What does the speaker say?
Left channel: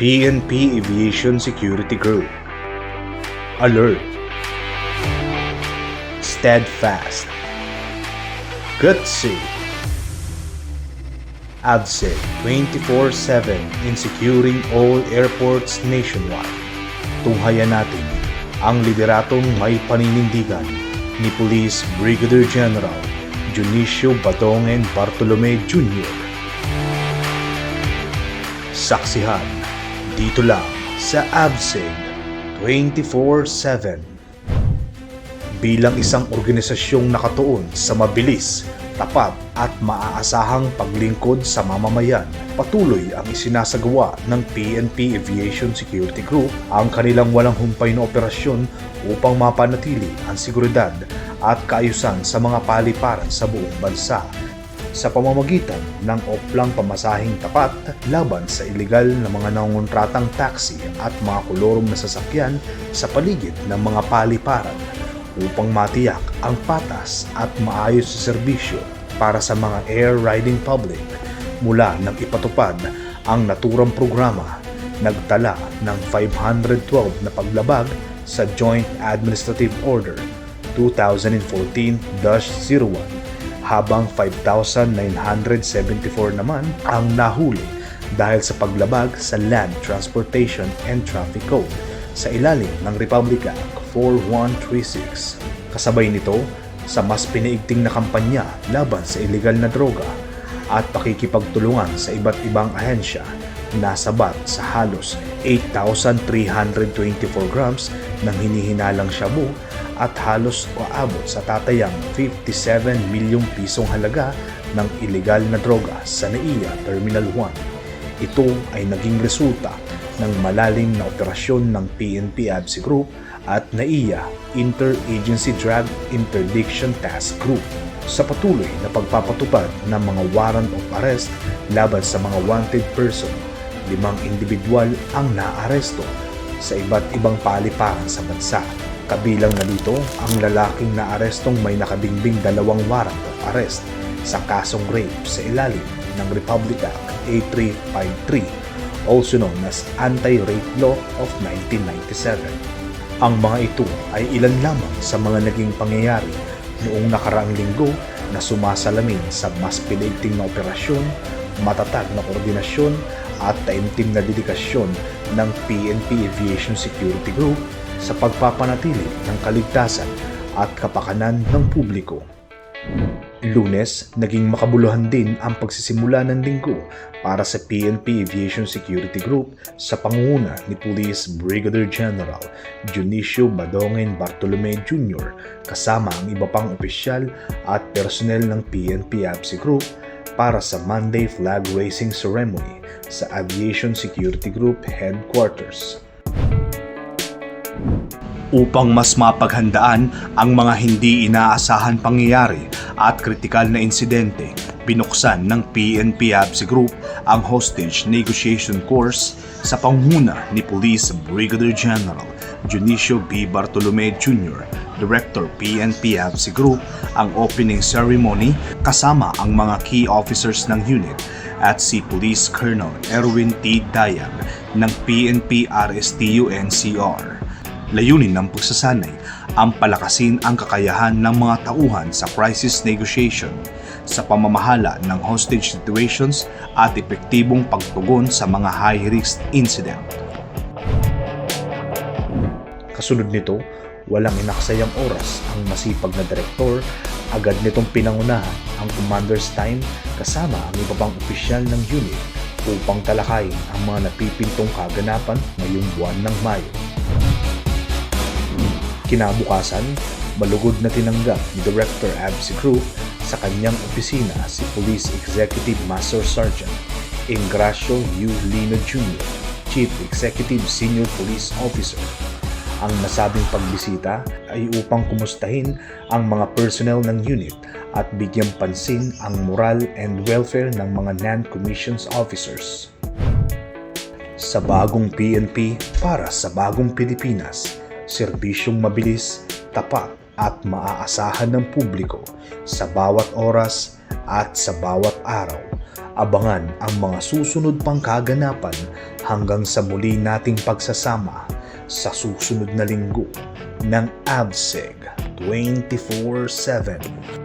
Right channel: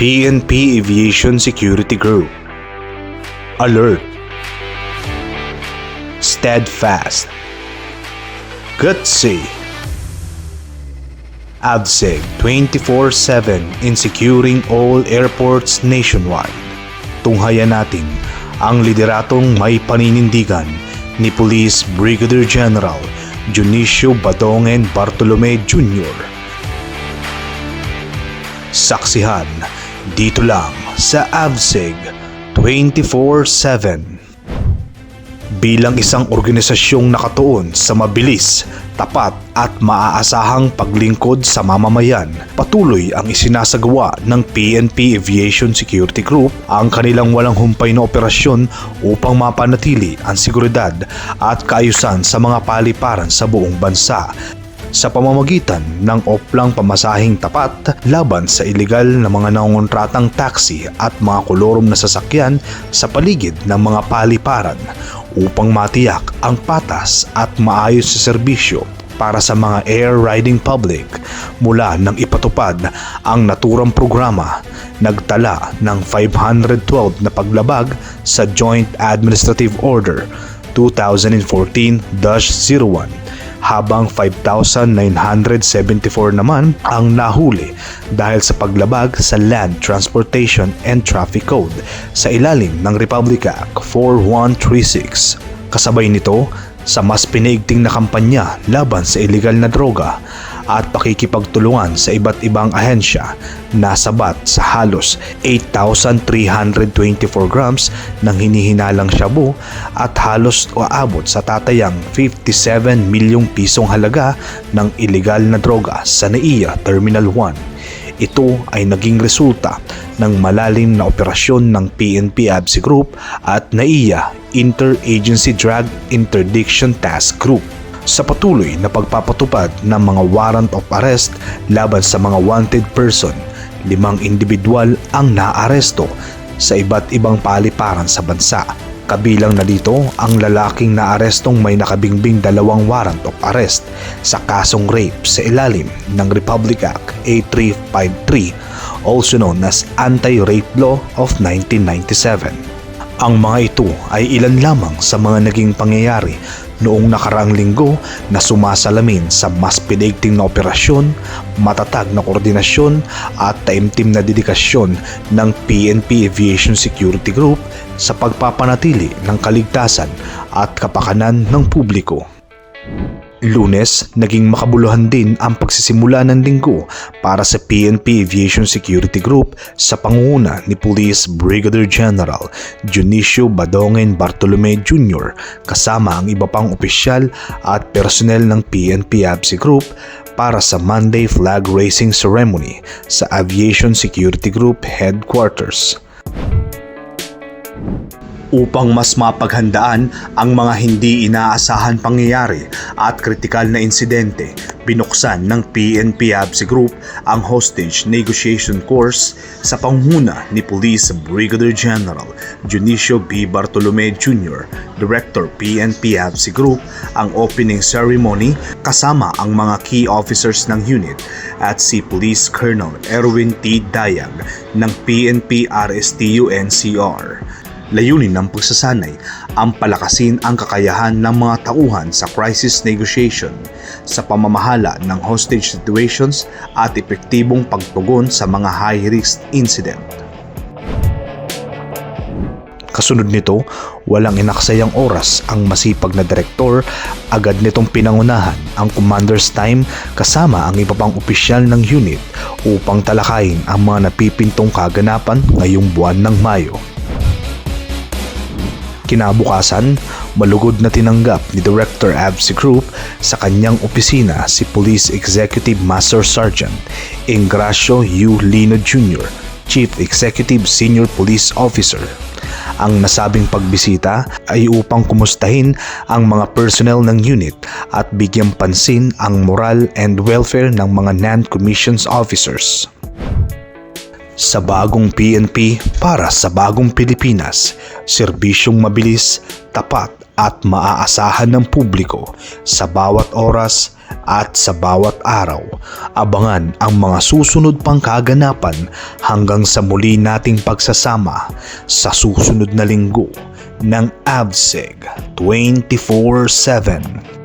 PNP Aviation Security Group. Alert. Steadfast. Gutsy. AVSEG 24/7 in securing all airports nationwide. Tunghayan natin ang lideratong may paninindigan ni Police Brigadier General Dionisio Badongen Bartolome Jr. Saksihan dito lang sa AVSEG 24/7. Bilang isang organisasyong nakatuon sa mabilis, tapat at maaasahang paglingkod sa mamamayan, patuloy ang isinasagawa ng PNP Aviation Security Group ang kanilang walang humpay na operasyon upang mapanatili ang seguridad at kaayusan sa mga paliparan sa buong bansa sa pamamagitan ng oplang pamasahing tapat laban sa ilegal na mga nangongontratang taxi at mga kolorom na sasakyan sa paligid ng mga paliparan upang matiyak ang patas at maayos sa serbisyo para sa mga air riding public. Mula nang ipatupad ang naturang programa, nagtala ng 512 na paglabag sa Joint Administrative Order 2014-01 habang 5,974 naman ang nahuli dahil sa paglabag sa Land Transportation and Traffic Code sa ilalim ng Republic Act 4136. Kasabay nito sa mas pinaigting na kampanya laban sa ilegal na droga at pakikipagtulungan sa iba't ibang ahensya, nasabat sa halos 8,324 grams ng hinihinalang shabu at halos aabot sa tatayang 57 milyong pisong halaga ng ilegal na droga sa NAIA Terminal 1. Ito ay naging resulta ng malalim na operasyon ng PNP AVSEG Group at NAIA Interagency Drug Interdiction Task Group sa patuloy na pagpapatupad ng mga warrant of arrest laban sa mga wanted person. 5 individual ang naaresto sa iba't ibang paliparan sa bansa. Kabilang na dito ang lalaking naarestong may nakabingbing 2 warrant of arrest sa kasong rape sa ilalim ng Republic Act A353, also known as Anti-Rape Law of 1997. Ang mga ito ay ilan lamang sa mga naging pangyayari noong nakaraang linggo na sumasalamin sa mas pinaigting na operasyon, matatag na koordinasyon at taimtim na dedikasyon ng PNP Aviation Security Group sa pagpapanatili ng kaligtasan at kapakanan ng publiko. Lunes, naging makabuluhan din ang pagsisimula ng linggo para sa PNP Aviation Security Group sa pangunguna ni Police Brigadier General Dionisio Badongen Bartolome Jr. kasama ang iba pang opisyal at personnel ng PNP AVSEG Group para sa Monday Flag Raising Ceremony sa Aviation Security Group Headquarters. Upang mas mapaghandaan ang mga hindi inaasahan pangyayari at kritikal na insidente, binuksan ng PNP AVSEG Group ang Hostage Negotiation Course sa pangunguna ni Police Brigadier General Dionisio B. Bartolome Jr., Director PNP AVSEG Group. Ang opening ceremony kasama ang mga key officers ng unit at si Police Colonel Erwin T. Dayag ng PNP RSTU NCR. Layunin ng pagsasanay ang palakasin ang kakayahan ng mga tauhan sa crisis negotiation sa pamamahala ng hostage situations at epektibong pagtugon sa mga high-risk incident. Kasunod nito, walang inaksayang oras ang masipag na direktor, agad nitong pinangunahan ang commander's time kasama ang iba pang opisyal ng unit upang talakayin ang mga napipintong kaganapan ngayong buwan ng Mayo. Kinabukasan, malugod na tinanggap ni Director AVSEG Group sa kanyang opisina si Police Executive Master Sergeant Ingracio U. Lino Jr., Chief Executive Senior Police Officer. Ang nasabing pagbisita ay upang kumustahin ang mga personnel ng unit at bigyang pansin ang moral and welfare ng mga non-commissioned officers. Sa bagong PNP para sa bagong Pilipinas, serbisyong mabilis, tapat at maaasahan ng publiko sa bawat oras At sa bawat araw, abangan ang mga susunod pang kaganapan hanggang sa muli nating pagsasama sa susunod na linggo ng ABSEG 24/7.